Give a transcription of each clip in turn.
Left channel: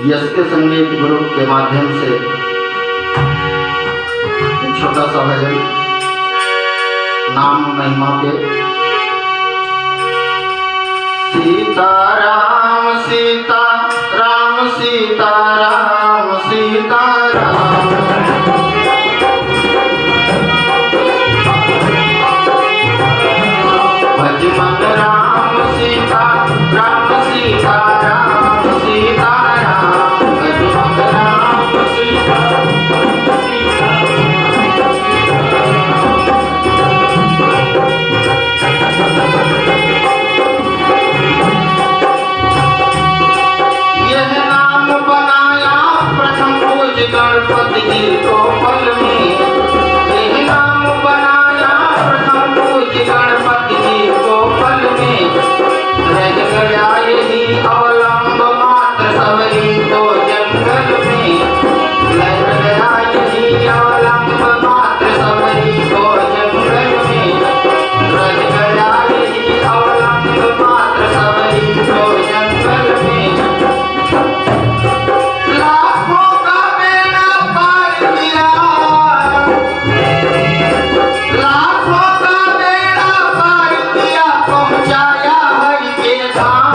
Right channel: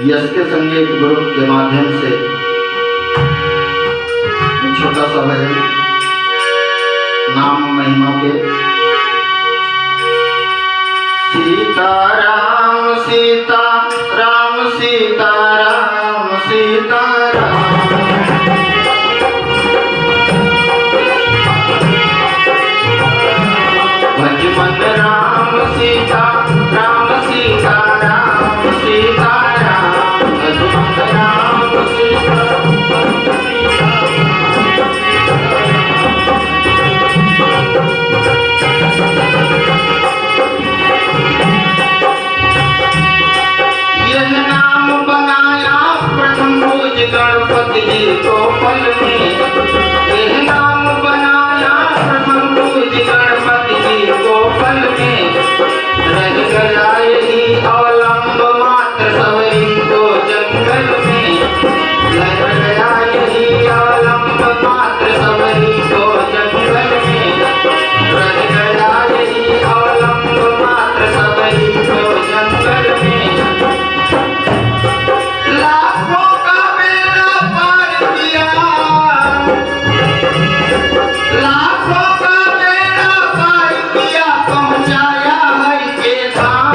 यश के संगीत ग्रुप के माध्यम से छोटा सा भजन नाम महिमा पे। सीताराम सीताराम सीताराम सीताराम, भज मन राम सीता राम सीताराम सीताराम, भज मन राम सीता यह नाम बनाया प्रथम पूज गणपति जी को पल में। यह नाम बनाया प्रथम पूज गणपति जी को पल में। रह गया यही अवलंब मात्र सबरी को जंगल में। रह गया यही अवलंब मात्र सबरी को जंगल में। रह गया यही अवलंब मात्र सबरी को जंगल में। लाखों का बेड़ा पार किया, लाखों का बेड़ा पार किया, पहुंचाया हरि के धाम।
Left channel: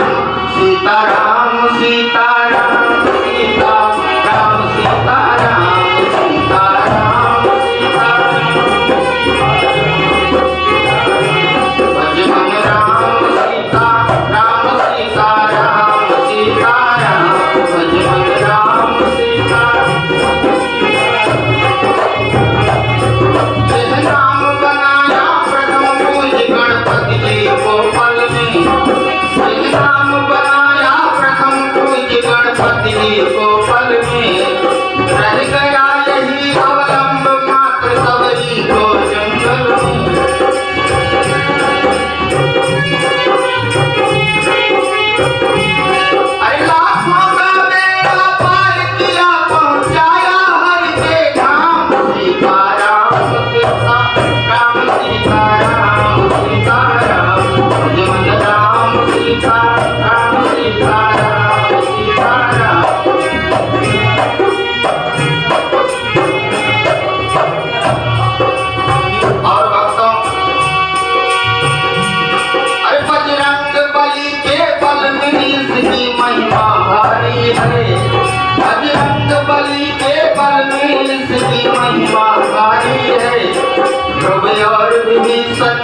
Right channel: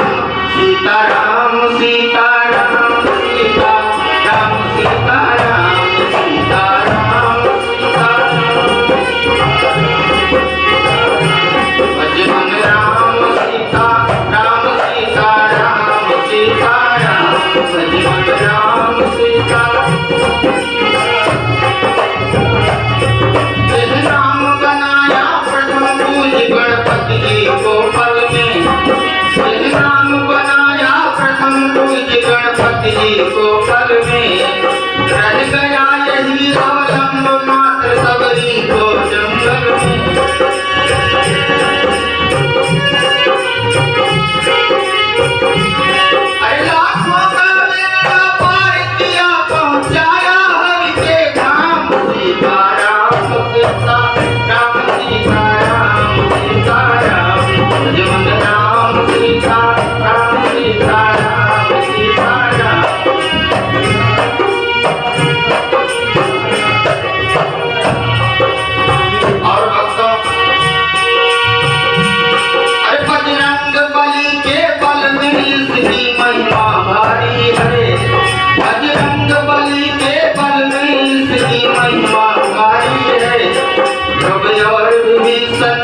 सीताराम सीताराम सीताराम सीताराम सीताराम सीताराम, भज मन राम सीता राम सीताराम सीताराम, भज मन राम सीता। यह नाम बनाया प्रथम पूज गणपति जी को पल में। यह नाम बनाया प्रथम पूज गणपति जी को पल में। रह गया यही अवलंब मात्र सबरी को जंगल में। लाखों का बेड़ा पार किया, पहुंचाया हरि के धाम। सीताराम सीताराम सीताराम सीताराम, भज मन राम सीता राम सीताराम सीताराम। और भक्तों, अरे बजरंग बली के बल में इसकी महिमा भारी है। बजरंग बली के बल में इसकी महिमा भारी है। ध्रुव और विभीषण,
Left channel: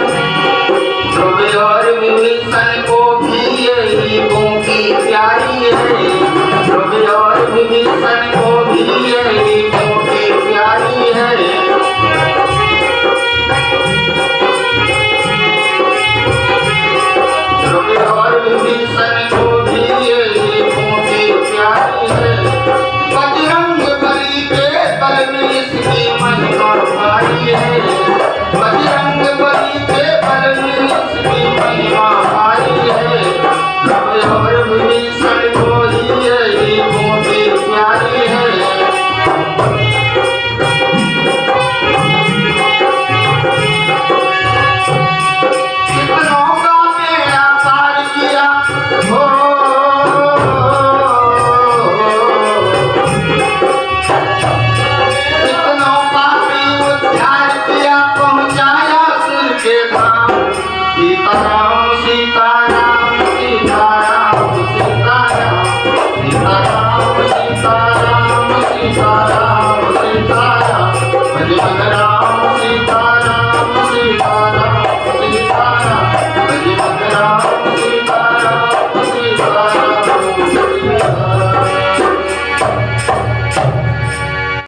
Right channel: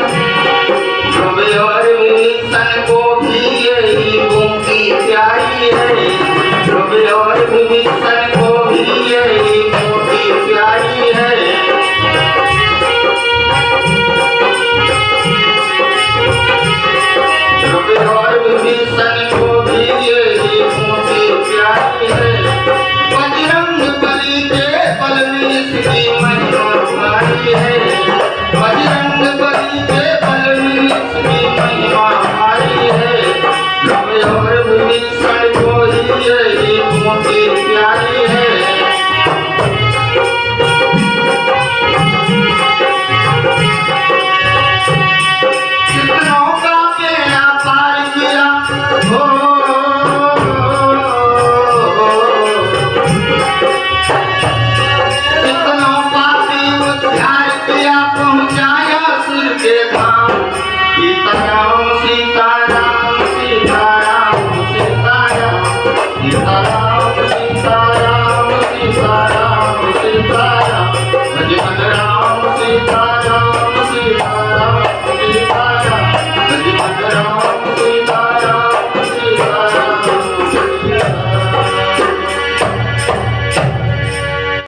ध्रुव और विभीषण को भी यही मुक्ति प्यारी है। ध्रुव और विभीषण को भी यही मुक्ति प्यारी है। ध्रुव और विभीषण को भी यही मुक्ति प्यारी है। बजरंग बली के बल में इसकी महिमा भारी है। बजरंग बली के बल में इसकी महिमा भारी है। ध्रुव और विभीषण को ही यही मुक्ति प्यारी है। कितनों का बेड़ा पार किया, हो कितनों पापी उद्धार किया, पहुंचाया सुर के धाम। सीताराम सीताराम सीताराम सीताराम सीताराम सीताराम सीताराम।